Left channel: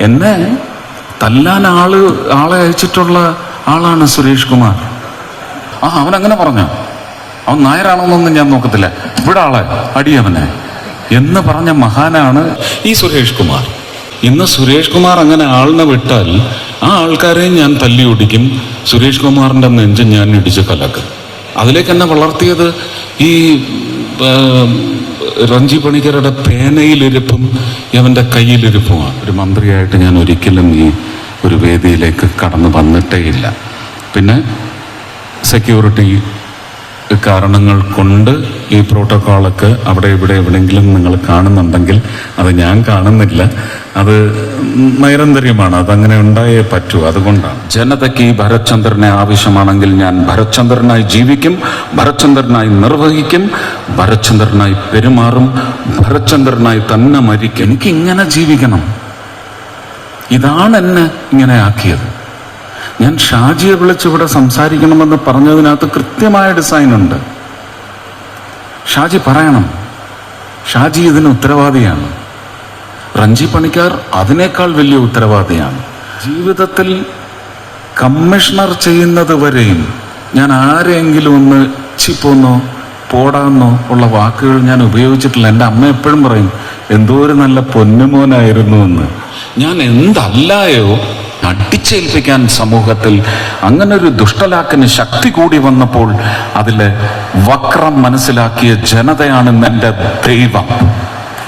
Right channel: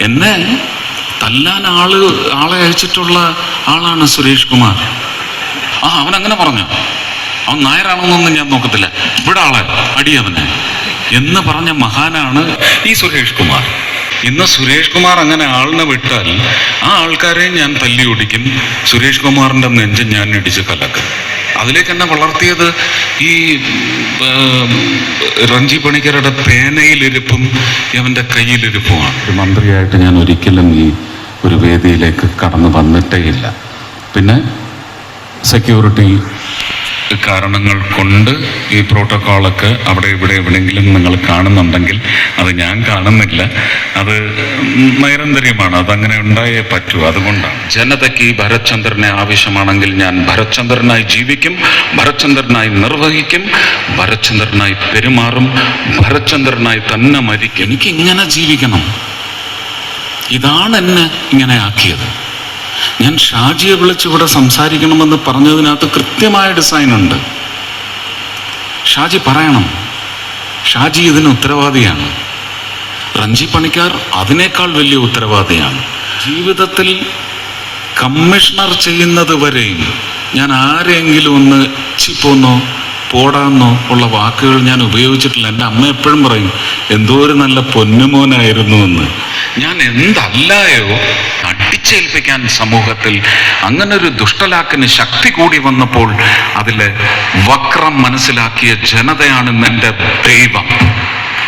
എന്നെ തല്ലാൻ ആൾ ആളെ അയച്ചിട്ടുള്ള ആളാണ് സുരേഷ് കുമാർ. ആ അവൻ അങ്ങനെ പറഞ്ഞു? അവൻ നായരാണെന്നൊന്നും ഞാൻ നോക്കത്തില്ല. ഇവിടെ ആളെ അടിയവനെ. എന്ന് പറഞ്ഞ മഹാനാണ് ഈ സുരേഷ് കുമാർ. ഇന്ന് സുരേഷ് കുമാർ അങ്ങനെ ആളിനെ വിട്ടാൽ ആ ആൾക്കാരെയും ഞാൻ തല്ലി ഓടിക്കും. സുരേഷ് കുമാറിന്റെ നെഞ്ച് ഞാൻ ഇടിച്ച് കലക്കും. അതിലേക്ക് എന്നെ വളർത്തിയത് ഈ രഞ്ജി പണിക്കരുടെ പേനയിലിരിപ്പും അവന്റെ കയ്യിലിരിപ്പുമാണ്. ഒരു മന്ത്രിയായിട്ട് ഞാൻ ഒരിക്കലും ഈ ഒരു വേദിയിലേക്ക് കടന്നു വന്നിട്ടേ ഇല്ല പിന്നെ സെക്യൂരിറ്റി കാരണങ്ങൾ കൊണ്ട് ഈ പ്രോട്ടോക്കോളൊക്കെ അവിടെ ഇവിടെ എവിടെയെങ്കിലും നിങ്ങൾ കാണുന്നുണ്ടെങ്കിൽ അത് ഞാൻ കാണുന്നില്ല. അത് നൈരന്തര്യമാണ് അതങ്ങനെ ഉണ്ടായേ പറ്റൂ. അതുകൊണ്ടാണ്. ജനതയ്ക്ക് ഈ ഭരത്ചന്ദ്രനെ ആവശ്യമാണെങ്കിൽ ഞാൻ ഭരത്ചന്ദ്രനായി ജീവിക്കും ഭരത്ചന്ദ്രനായി നിർവഹിക്കും ഭരത്ചന്ദ്രനായി പെരുമാറും ഭരത്ചന്ദ്രനായി തന്നെ മരിക്കും. എനിക്ക് ഇങ്ങനെ ജീവിക്കണം. ഇതാണ് എന്നെ ഇങ്ങനെ ആക്കിയത്. ഞാൻ ഷാജിയെ വിളിച്ച് ഇവിടെ സംസാരിക്കണമെന്ന് പറഞ്ഞതിനകത്ത് കൃത്യമായ ഡിസൈൻ ഉണ്ട്. ഷാജി പറയണം. ഷാജി ഇതിന് ഉത്തരവാദിയാണ്. റഞ്ജി പണിക്കാർ അതിനേക്കാൾ വലിയ ഉത്തരവാദിയാണ്. ജീവിതത്തിൽ കമ്മീഷണർ ചെയ്യുന്നത് വരെയും ഞാൻ ആരെങ്കിലും ഒന്ന് ചിപ്പോന്നോ പോടാന്നോ ഉള്ള വാക്കുകൾ ഞാൻ ഉപയോഗിച്ചിട്ടില്ല. എന്റെ അമ്മ എപ്പോഴും പറയും എന്തോ ഒരു നല്ല പൊന്നുമോനായിരുന്നു എന്ന്. ഞാൻ എന്തല്ലായോ അടിച്ചേൽപ്പിക്കാൻ സമൂഹത്തിൽ അങ്ങനൊരു ദുഷ്ടലാക്കിന് ശക്തി കൂടി വന്നപ്പോൾ അതിൽ വക്രം മനസ്സിലാക്കിയ ജനതയാണ് എന്റെ ദൈവം.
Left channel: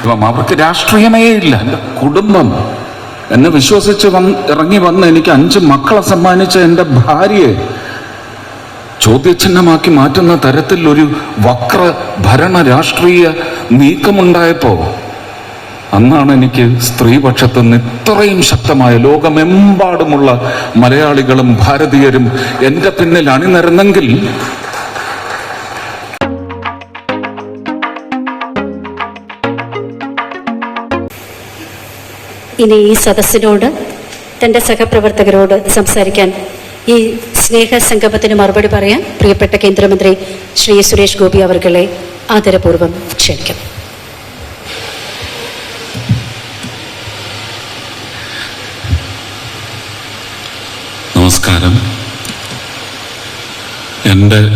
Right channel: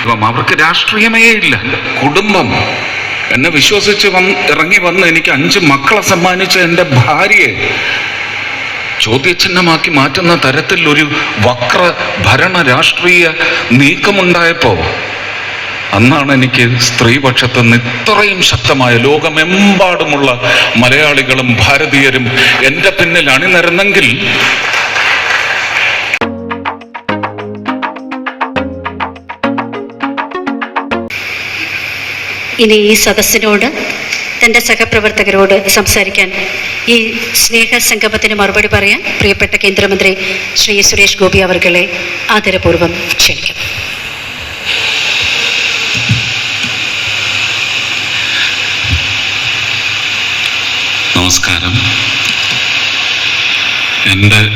അപ്പം അവർക്ക് രാഷ്ട്രീയമേ ഇല്ല. കുടുംബം എന്നെ വിശ്വസിച്ച് വന്ന് ഇറങ്ങി വന്ന് എനിക്ക് അഞ്ച് മക്കളെ സമ്മാനിച്ച എന്റെ ഭാര്യയെ ചോദ്യചിഹ്നമാക്കി മാറ്റുന്ന തരത്തിൽ ഒരു വക്ര ഭരണ രാഷ്ട്രീയ നീക്കമുണ്ടായപ്പോ അന്നാണ് എനിക്ക് സ്ത്രീപക്ഷത്ത് നിന്ന് ഇത്രയും ശക്തമായ ലോകമെമ്പാടുമുള്ള മലയാളികളും ഭാരതീയരും എന്റെ പിന്നിൽ അണിനിരന്നെങ്കിൽ ഇനി ഈ സദസ്സിനോട് തന്റെ സഹപ്രവർത്തകരോട് സംസാരിക്കാൻ ഈ സ്നേഹ സംഗമത്തിന് മറുപടി പറയാൻ പ്രിയപ്പെട്ട കേന്ദ്രമന്ത്രി ശ്രീ സുരേഷ് ഗോപി അവർകളെ ആദരപൂർവം ക്ഷണിക്കുന്നു. നമസ്കാരം. എന്റെ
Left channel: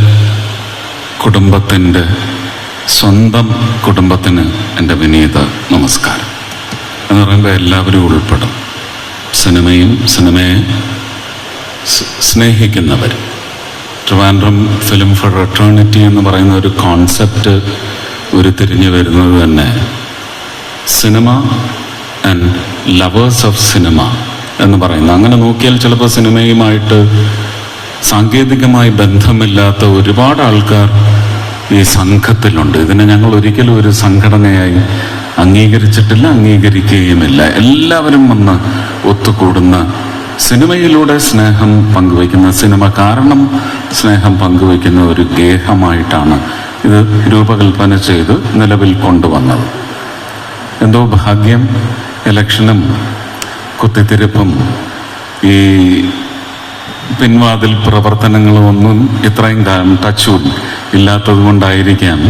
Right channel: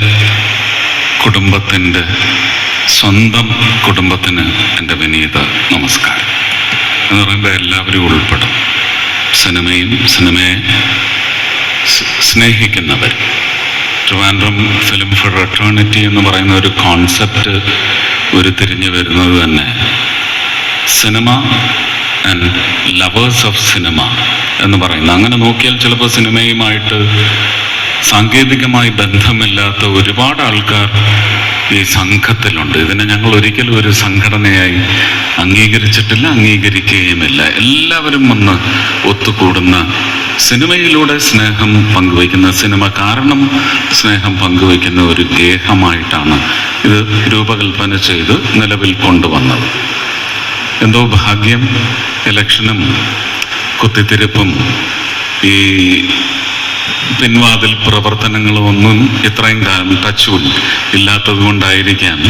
കുടുംബത്തിന്റെ സ്വന്തം കുടുംബത്തിന് എന്റെ വിനീത നമസ്കാരം. എന്ന് പറയുമ്പോൾ എല്ലാവരും ഉൾപ്പെടും. സിനിമയും സിനിമയെ സ്നേഹിക്കുന്നവർ. ട്രിവാൻഡ്രം ഫിലിം ഫോർ റെറ്റേണിറ്റി എന്ന് പറയുന്ന ഒരു കോൺസെപ്റ്റ് ഉരുത്തിരിഞ്ഞു വരുന്നത് തന്നെ cinema and lovers of cinema എന്ന് പറയുന്നത് അങ്ങനെ നോക്കിയാൽ ചിലപ്പോൾ സിനിമയുമായിട്ട് സാങ്കേതികമായി ബന്ധമില്ലാത്ത ഒരുപാട് ആൾക്കാർ ഈ സംഘത്തിലുണ്ട്. ഇതിനെ ഞങ്ങൾ ഒരിക്കലും ഒരു സംഘടനയായി അംഗീകരിച്ചിട്ടില്ല അംഗീകരിക്കുകയുമില്ല. എല്ലാവരും വന്ന് ഒത്തുകൂടുന്ന സിനിമയിലൂടെ സ്നേഹം പങ്കുവയ്ക്കുന്ന സിനിമ കാരണം സ്നേഹം പങ്കുവയ്ക്കുന്ന ഒരു ഗേഹമായിട്ടാണ് ഇത് രൂപകൽപ്പന ചെയ്ത് നിലവിൽ കൊണ്ടുവന്നത്. എന്തോ ഭാഗ്യം ഇലക്ഷനും കുത്തിത്തിരിപ്പും ഈ പിൻവാതിൽ പ്രവർത്തനങ്ങളൊന്നും ഇത്രയും കാലം ടച്ചും ഇല്ലാത്തത് കൊണ്ടായിരിക്കാം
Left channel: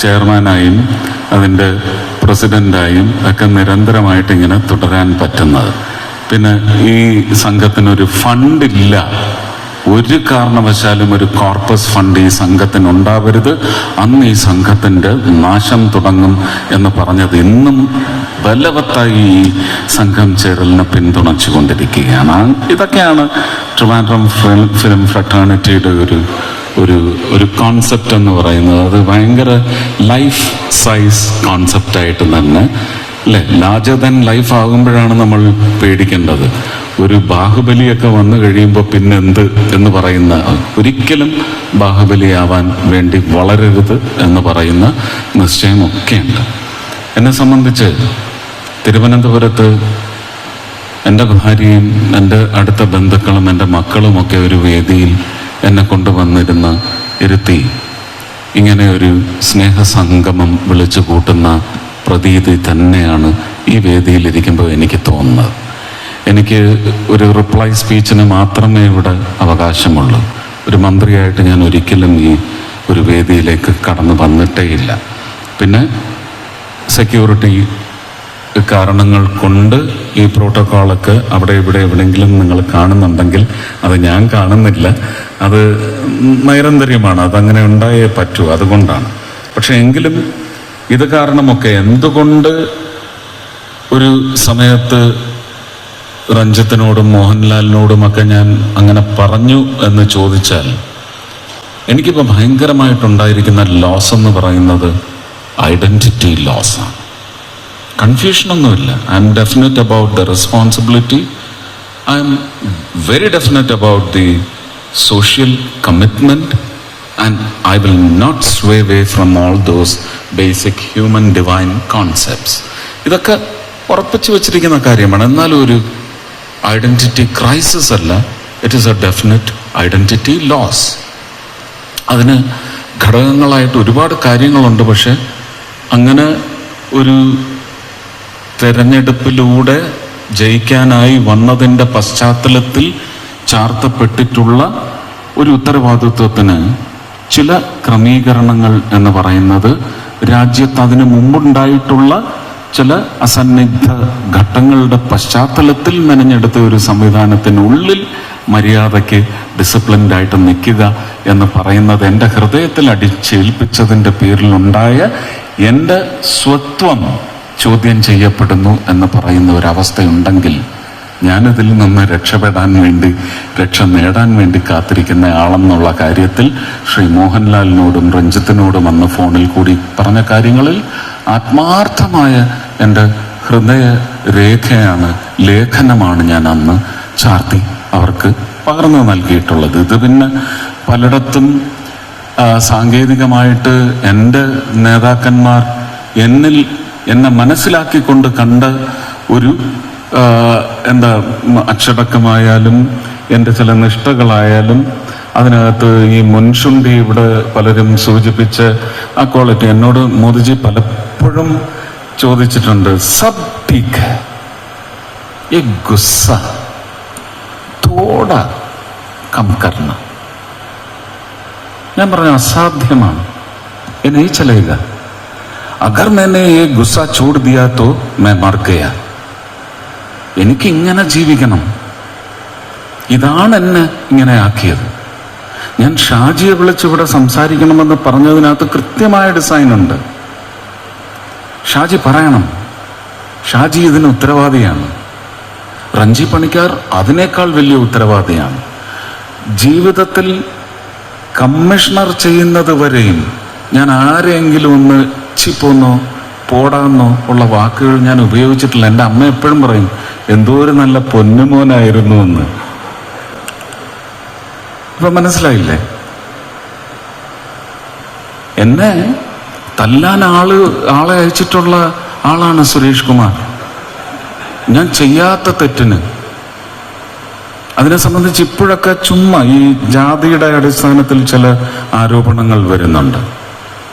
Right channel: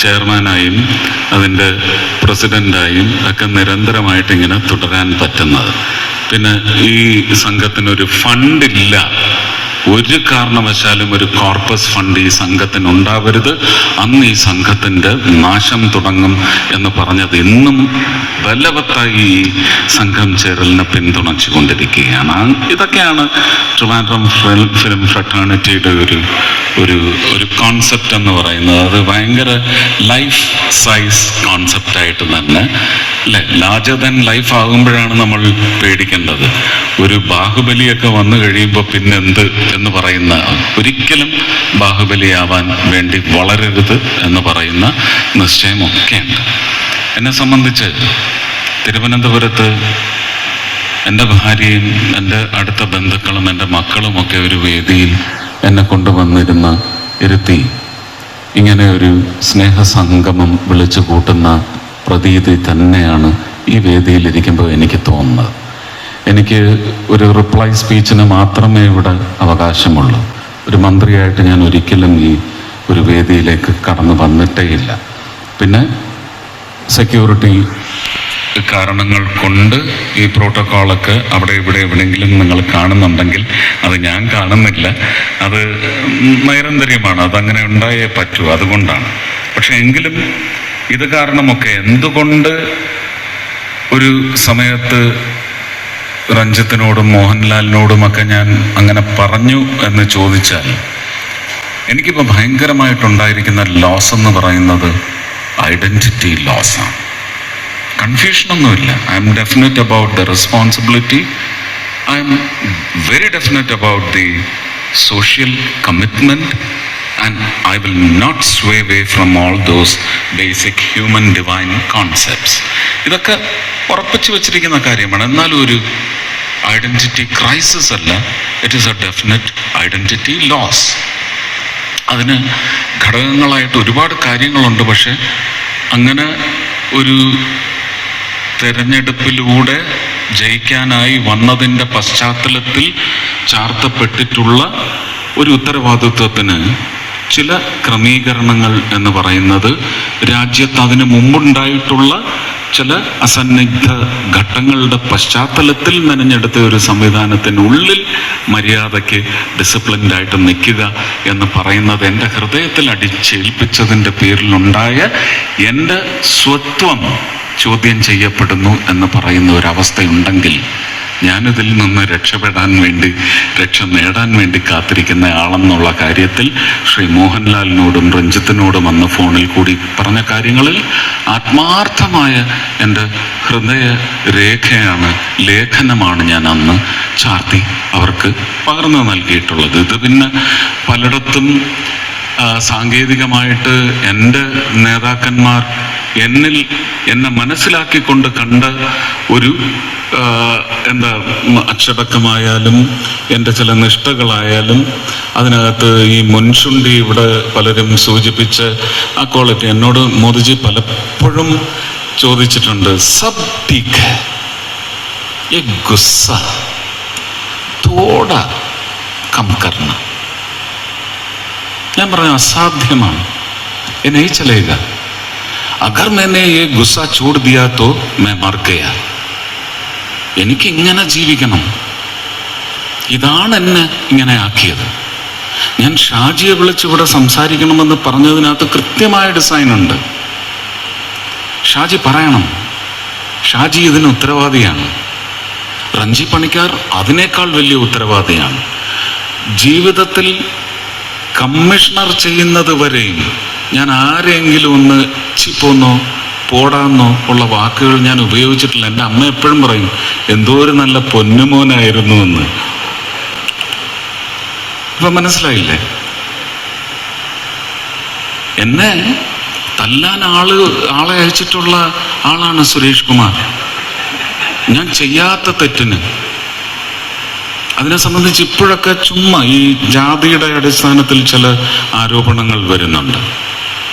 ചെയർമാനായും അതിന്റെ പ്രസിഡന്റായും ഒക്കെ നിരന്തരമായിട്ട് ഇങ്ങനെ തുടരാൻ പറ്റുന്നത്. പിന്നെ ഈ സംഘത്തിനൊരു ഫണ്ടില്ല. ഒരു കാരണവശാലും ഒരു കോർപ്പസ് ഫണ്ട് ഈ സംഘത്തിന് ഉണ്ടാവരുത് അന്ന് ഈ സംഘത്തിന്റെ നാശം തുടങ്ങും എന്ന് പറഞ്ഞത് ഇന്നും ബലവത്തായി സംഘം ചേരലിനെ പിന്തുണച്ചു കൊണ്ടിരിക്കുകയാണ് ഇതൊക്കെയാണ് ട്രിവാൻഡ്രം ഫിലിം ഫിലിം ഫ്രട്ടേണിറ്റിയുടെ ഒരു ഒരു ഒരു കോൺസെപ്റ്റ് എന്ന് പറയുന്നത്. അത് ഭയങ്കര ലൈഫ് സൈസ് കോൺസെപ്റ്റായിട്ട് തന്നെ അല്ലെ? ലാർജർ ദൻ ലൈഫ് ആകുമ്പോഴാണ് നമ്മൾ പേടിക്കേണ്ടത്. ഒരു ബാഹുബലിയൊക്കെ വന്നു കഴിയുമ്പോൾ പിന്നെ എന്ത് എന്ന് പറയുന്ന ഒരിക്കലും ബാഹുബലിയാവാൻ വേണ്ടി വളരരുത് എന്ന് പറയുന്ന നിശ്ചയമൊക്കെയുണ്ട്. എന്നെ സംബന്ധിച്ച് തിരുവനന്തപുരത്ത് എന്റെ ഭാര്യയും എന്റെ അടുത്ത ബന്ധുക്കളും എന്റെ മക്കളുമൊക്കെ ഒരു വേദിയിൽ എന്നെ കൊണ്ടുവന്നിരുന്ന ഇരുത്തി ഇങ്ങനെ ഒരു സ്നേഹസംഗമം വിളിച്ചു കൂട്ടുന്ന പ്രതീതി തന്നെയാണ് ഈ വേദിയിൽ വേദിയിലിരിക്കുമ്പോൾ എനിക്ക് തോന്നുന്നത്. എനിക്ക് ഒരു റിപ്ലൈ സ്പീച്ചിന് മാത്രമേ ഇവിടെ അവകാശമുള്ളൂ. ഒരു മന്ത്രിയായിട്ട് ഞാൻ ഒരിക്കലും ഈ ഒരു വേദിയിലേക്ക് കടന്നു വന്നിട്ടേ ഇല്ല പിന്നെ സെക്യൂരിറ്റി കാരണങ്ങൾ കൊണ്ട് ഈ പ്രോട്ടോക്കോളൊക്കെ അവിടെ ഇവിടെ എവിടെയെങ്കിലും നിങ്ങൾ കാണുന്നുണ്ടെങ്കിൽ അത് ഞാൻ കാണുന്നില്ല. അത് നൈരന്തര്യമാണ്. അതങ്ങനെ ഉണ്ടായേ പറ്റൂ. അതുകൊണ്ടാണ്. പക്ഷെ എങ്കിലും ഇത് കാരണമൊക്കെ എന്തുകൊണ്ട് ഒരു സമയത്ത് രഞ്ജിത്തിനോടും മോഹൻലാലിനോടുമൊക്കെ ഞാൻ അങ്ങനെ പറഞ്ഞു എന്ന് ചോദിച്ചാൽ എനിക്കിപ്പോൾ ഭയങ്കരമായിട്ടുണ്ടായിരിക്കുന്ന ലോസ് എന്ന് പറയുന്നത് ഐഡന്റിറ്റി ലോസാണ് കൺഫ്യൂഷനൊന്നുമില്ല. I'm definite about the responsibility I'm very definite about the social commitment and I will not sway away from all those basic human divine concepts ഇതൊക്കെ ഉറപ്പിച്ചു വച്ചിരിക്കുന്ന കാര്യമാണ്. എന്നാലും ഒരു ഐഡന്റിറ്റി ക്രൈസിസ് അല്ല. It is a definite identity loss അതിന് ഘടകങ്ങളായിട്ട് ഒരുപാട് കാര്യങ്ങളുണ്ട്. പക്ഷെ അങ്ങനെ ഒരു തെരഞ്ഞെടുപ്പിലൂടെ ജയിക്കാനായി വന്നതിന്റെ പശ്ചാത്തലത്തിൽ ചാർത്തപ്പെട്ടിട്ടുള്ള ഒരു ഉത്തരവാദിത്വത്തിന് ചില ക്രമീകരണങ്ങൾ എന്ന് പറയുന്നത് രാജ്യത്ത് അതിനു മുമ്പുണ്ടായിട്ടുള്ള ചില അസന്നിഗ്ധ ഘട്ടങ്ങളുടെ പശ്ചാത്തലത്തിൽ മെനഞ്ഞെടുത്ത ഒരു സംവിധാനത്തിനുള്ളിൽ മര്യാദയ്ക്ക് ഡിസിപ്ലിൻഡായിട്ട് നിൽക്കുക എന്ന് പറയുന്നത് എന്റെ ഹൃദയത്തിൽ അടിച്ചേൽപ്പിച്ചതിന്റെ പേരിലുണ്ടായ എന്റെ സ്വത്വം ചോദ്യം ചെയ്യപ്പെടുന്നു എന്ന് പറയുന്ന ഒരവസ്ഥയുണ്ടെങ്കിൽ ഞാനിതിൽ നിന്ന് രക്ഷപ്പെടാൻ വേണ്ടി രക്ഷ നേടാൻ വേണ്ടി കാത്തിരിക്കുന്ന ആളെന്നുള്ള കാര്യത്തിൽ ശ്രീ മോഹൻലാലിനോടും രഞ്ജിത്തിനോടും അന്ന് ഫോണിൽ കൂടി പറഞ്ഞ കാര്യങ്ങളിൽ ആത്മാർത്ഥമായ എന്റെ ഹൃദയ രേഖയാണ് ലേഖനമാണ് ഞാൻ അന്ന് ചാർത്തി അവർക്ക് പകർന്നു നൽകിയിട്ടുള്ളത്. ഇത് പിന്നെ പലയിടത്തും സാങ്കേതികമായിട്ട് എന്റെ നേതാക്കന്മാർ എന്നിൽ എന്നെ മനസ്സിലാക്കിക്കൊണ്ട് കണ്ട ഒരു ആ, എന്താ ഉം, അച്ചടക്കമായാലും എൻ്റെ ചില നിഷ്ഠകളായാലും അതിനകത്ത് ഈ മുൻഷുണ്ടി ഇവിടെ പലരും സൂചിപ്പിച്ച ആ ക്വാളിറ്റി എന്നോട് മോദിജി പലപ്പോഴും ചോദിച്ചിട്ടുണ്ട് സബ് ടീക്ക് ये गुस्सा थोड़ा कम करना ഞാൻ പറഞ്ഞ അസാധ്യമാണ് ये नहीं चलेगा अगर मैंने ये गुस्सा छोड़ दिया तो मैं मर गया എനിക്ക് ഇങ്ങനെ ജീവിക്കണം ഇതാണ് എന്നെ ഇങ്ങനെ ആക്കിയത് ഞാൻ ഷാജിയെ വിളിച്ച് ഇവിടെ സംസാരിക്കണമെന്ന് പറഞ്ഞതിനകത്ത് കൃത്യമായ ഡിസൈൻ ഉണ്ട് ഷാജി പറയണം ഷാജി ഇതിന് ഉത്തരവാദിയാണ് റഞ്ചി പണിക്കാർ അതിനേക്കാൾ വലിയ ഉത്തരവാദിയാണ് ജീവിതത്തിൽ കമ്മീഷണർ ചെയ്യുന്നത് വരെയും ഞാൻ ആരെങ്കിലും ഒന്ന് ചിപ്പോന്നോ പോടാന്നോ ഉള്ള വാക്കുകൾ ഞാൻ ഉപയോഗിച്ചിട്ടില്ല. എന്റെ അമ്മ എപ്പോഴും പറയും എന്തോ ഒരു നല്ല പൊന്നുമോനായിരുന്നു എന്ന്. ഇപ്പൊ മനസ്സിലായില്ലേ? എന്നെ തല്ലാൻ ആൾ ആളെ അയച്ചിട്ടുള്ള ആളാണ് സുരേഷ് കുമാർ. ഞാൻ ചെയ്യാത്ത തെറ്റിന്. അതിനെ സംബന്ധിച്ച് ഇപ്പോഴൊക്കെ ചുമ്മാ ഈ ജാതിയുടെ അടിസ്ഥാനത്തിൽ ചില ആരോപണങ്ങൾ വരുന്നുണ്ട്.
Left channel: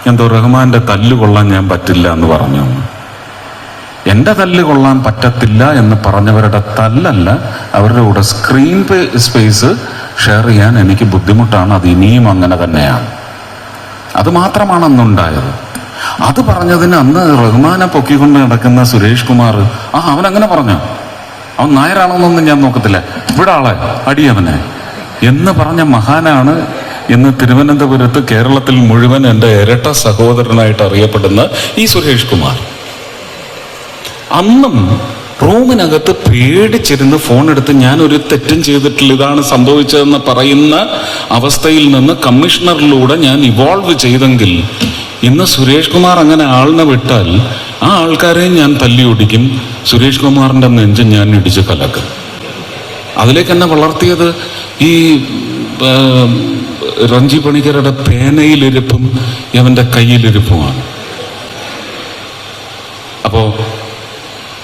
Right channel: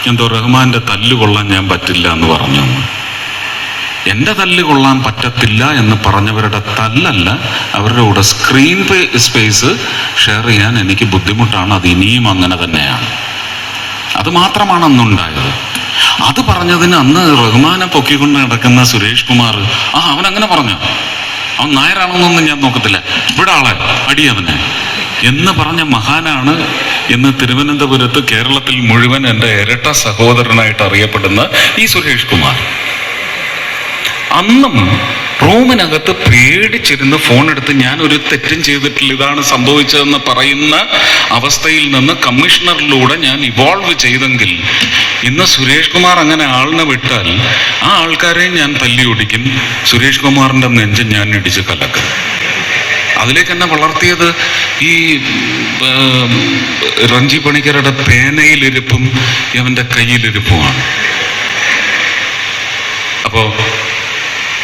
എന്തോ റഹ്മാന്റെ തല്ല് കൊള്ളാൻ ഞാൻ പറ്റില്ല എന്ന് പറഞ്ഞു. എന്റെ തല്ല് കൊള്ളാൻ പറ്റത്തില്ല എന്ന് പറഞ്ഞവരുടെ തല്ലല്ല അവരുടെ കൂടെ സ്ക്രീൻ സ്പേസ് ഷെയർ ചെയ്യാൻ എനിക്ക് ബുദ്ധിമുട്ടാണ്. അത് ഇനിയും അങ്ങനെ തന്നെയാണ്. അത് മാത്രമാണ് അന്നുണ്ടായത്. അത് പറഞ്ഞതിന് അന്ന് റഹ്മാനെ പൊക്കിക്കൊണ്ട് നടക്കുന്ന സുരേഷ് കുമാർ ആ അവൻ അങ്ങനെ പറഞ്ഞു. അവൻ നായരാണെന്നൊന്നും ഞാൻ നോക്കത്തില്ല. ഇവിടെ ആളെ അടിയവനെ. എന്ന് പറഞ്ഞ മഹാനാണ് ഇന്ന് തിരുവനന്തപുരത്ത് കേരളത്തിൽ മുഴുവൻ എന്റെ ഇരട്ട സഹോദരനായിട്ട് അറിയപ്പെടുന്ന ഈ സുരേഷ് കുമാർ. അന്നും റൂമിനകത്ത് പേടിച്ചിരുന്ന് ഫോൺ എടുത്ത് ഞാൻ ഒരു തെറ്റും ചെയ്തിട്ടില്ല ഇതാണ് സംഭവിച്ചതെന്ന് പറയുന്ന അവസ്ഥയിൽ നിന്ന് കമ്മീഷണറിലൂടെ ഞാൻ ഇവോൾവ് ചെയ്തെങ്കിൽ ഇന്ന് സുരേഷ് കുമാർ അങ്ങനെ ആളിനെ വിട്ടാൽ ആ ആൾക്കാരെയും ഞാൻ തല്ലി ഓടിക്കും സുരേഷ് കുമാറിന്റെ നെഞ്ച് ഞാൻ ഇടിച്ചു കലക്കും. അതിലേക്ക് വളർത്തിയത് ഈ റഞ്ജി പണിക്കരുടെ പേനയിലിരുപ്പും അവന്റെ കയ്യിലിരുപ്പുമാണ്. അപ്പോ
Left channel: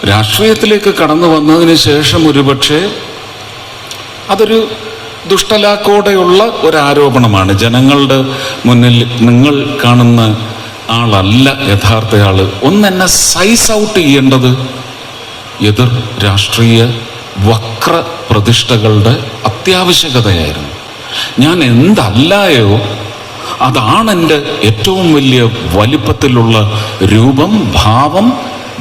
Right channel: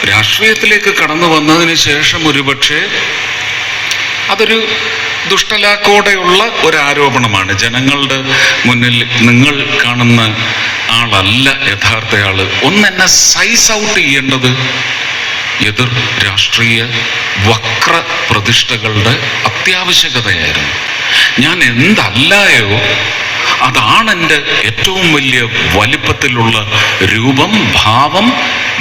രാഷ്ട്രീയത്തിലേക്ക് കടന്നു വന്നതിന് ശേഷം ഒരുപക്ഷെ അതൊരു ദുഷ്ടലാക്കോടെയുള്ള ഒരു ആരോപണമാണ് ജനങ്ങളുടെ മുന്നിൽ നിങ്ങൾ കാണുന്ന ആളല്ല യഥാർത്ഥ ആൾ ഒന്ന് എന്നെ സൈസ് ഔട്ട് ചെയ്യേണ്ടത് എതിർ രാഷ്ട്രീയ വക്ര പ്രതിഷ്ഠകളുടെ അത്യാവശ്യകതയായിരുന്നു. ഞാൻ എന്തല്ലായോ അതാണ് എന്റെ ഏറ്റവും വലിയ വലിപ്പത്തിലുള്ള രൂപം ഭാവം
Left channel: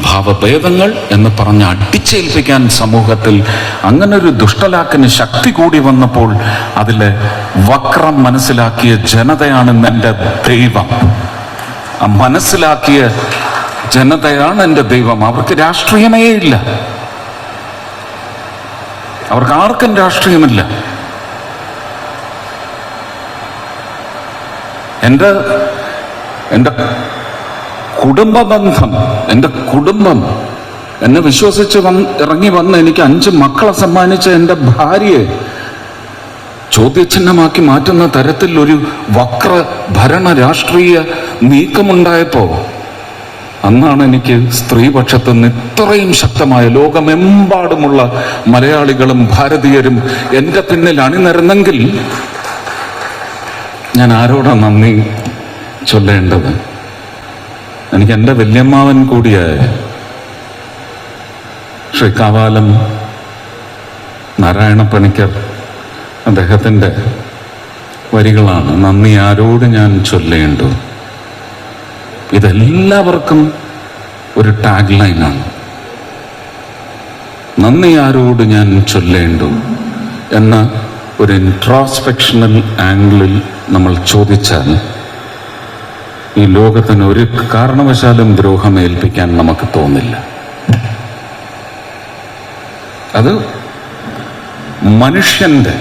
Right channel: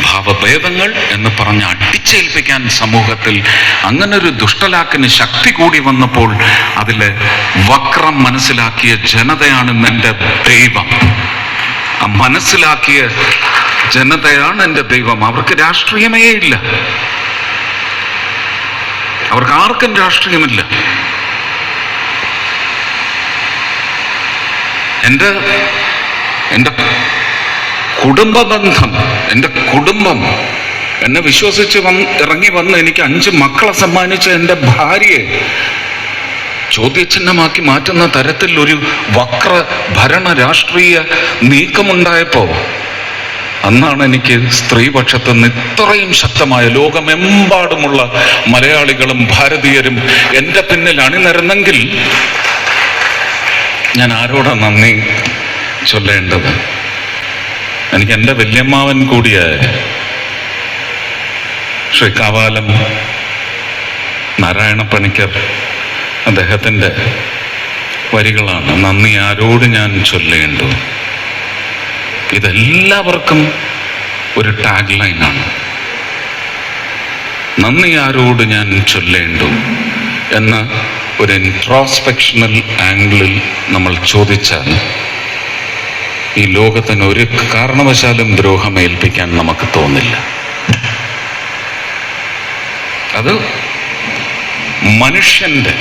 ഭാവഭേദങ്ങൾ എന്ന് പറഞ്ഞ് അടിച്ചേൽപ്പിക്കാൻ സമൂഹത്തിൽ അങ്ങനൊരു ദുഷ്ടലാക്കിന് ശക്തി കൂടി വന്നപ്പോൾ അതിൽ വക്രം മനസ്സിലാക്കിയ ജനതയാണ് എന്റെ ദൈവം. മനസ്സിലാക്കിയ ജനതയാണ് എന്റെ ദൈവം. അവർക്ക് രാഷ്ട്രീയമേ ഇല്ല. അവർക്ക് ആർക്കും രാഷ്ട്രീയമില്ല. എന്റെ എന്റെ കുടുംബ ബന്ധം എന്റെ കുടുംബം എന്നെ വിശ്വസിച്ച് വന്ന് ഇറങ്ങി വന്ന് എനിക്ക് അഞ്ച് മക്കളെ സമ്മാനിച്ച എന്റെ ഭാര്യയെ ചോദ്യചിഹ്നമാക്കി മാറ്റുന്ന തരത്തിൽ ഒരു വക്ര ഭരണ രാഷ്ട്രീയ നീക്കമുണ്ടായപ്പോ അന്നാണ് എനിക്ക് സ്ത്രീപക്ഷത്ത് നിന്ന് ഇത്രയും ശക്തമായ ലോകമെമ്പാടുമുള്ള മലയാളികളും ഭാരതീയരും എന്റെ പിന്നിൽ അണിനിരന്നെങ്കിൽ ഞാൻ ആരോടാ നന്ദി ചൊല്ലേണ്ടത്? എനിക്ക് എന്റെ വല്യമ്മാവൻ കൂടിയായ ശ്രീ കാവാലം നാരായണ പണിക്കർ അദ്ദേഹത്തിന്റെ വരികളാണ്. നന്ദി ആരോട് ഞാൻ ചൊല്ലേണ്ടു ഇതെല്ലാവർക്കും ഒരു ടാഗ് ലൈനാണ് നന്ദി ആരോട് ഞാൻ ചൊല്ലേണ്ടു എന്ന ഒരു ഇൻട്രോസ്പെക്ഷണൽ ആംഗിളിൽ നമ്മൾ ചോദിച്ചാൽ ഈ ലോകത്തിന് ഒരു കാരണവശാലും ദ്രോഹം ഏൽപ്പിക്കാൻ നമുക്ക് തോന്നില്ല. അത് മനുഷ്യന്റെ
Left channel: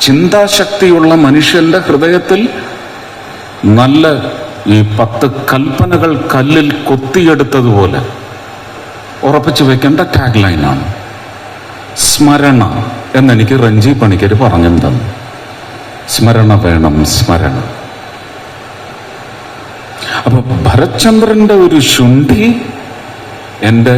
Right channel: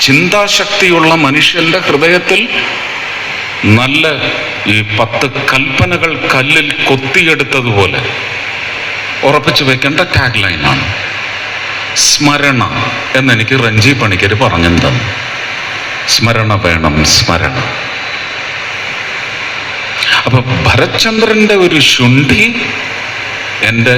ചിന്താശക്തിയുള്ള മനുഷ്യന്റെ ഹൃദയത്തിൽ നല്ല ഈ പത്ത് കൽപ്പനകൾ കല്ലിൽ കൊത്തിയെടുത്തതുപോലെ. ഉറപ്പിച്ചു വെക്കേണ്ട ടാഗ് ലൈനാണ് സ്മരണ എന്നെനിക്ക് റഞ്ജി പണിക്കർ പറഞ്ഞു തന്നു സ്മരണ വേണം സ്മരണ. അപ്പൊ ഭരത്ചന്ദ്രന്റെ ഒരു ശുണ്ഠി എന്റെ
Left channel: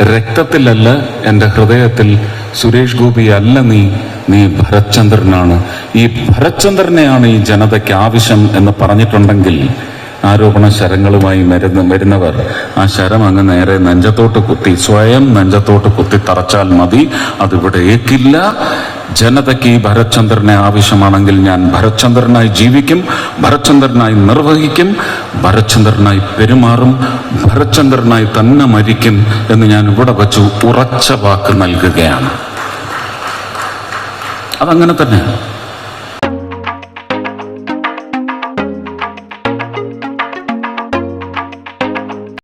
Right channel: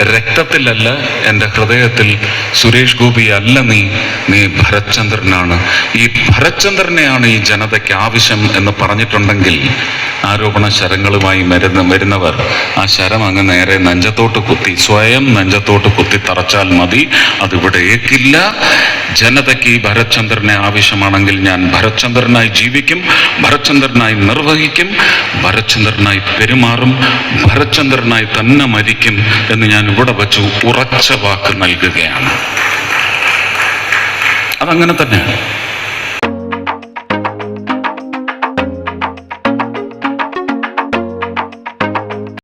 രക്തത്തിലല്ല എന്റെ ഹൃദയത്തിൽ സുരേഷ് ഗോപി അല്ല നീ നീ ഭരചന്ദ്രനാണ് ഈ ഭരത്ചന്ദ്രനെയാണ് ഈ ജനതയ്ക്ക് ആവശ്യം എന്ന് പറഞ്ഞിട്ടുണ്ടെങ്കിൽ ആരോപണ ശരങ്ങളുമായി മരുന്ന് വരുന്നവർ ആ ശരം അങ്ങ് നേരെ നെഞ്ചത്തോട്ട് കുത്തി സ്വയം നെഞ്ചത്തോട്ട് കുത്തി തറച്ചാൽ മതി അതിവിടെ ഏക്കില്ല ജനതയ്ക്ക് ഈ ഭരത്ചന്ദ്രനെ ആവശ്യമാണെങ്കിൽ ഞാൻ ഭരത്ചന്ദ്രനായി ജീവിക്കും ഭരത്ചന്ദ്രനായി നിർവഹിക്കും ഭരത്ചന്ദ്രനായി പെരുമാറും ഭരത്ചന്ദ്രനായി തന്നെ മരിക്കും എന്ന് ഞാൻ ഇവിടെ വച്ച് ഉറച്ച വാക്ക് നൽകുകയാണ്. അതങ്ങനെ തന്നെ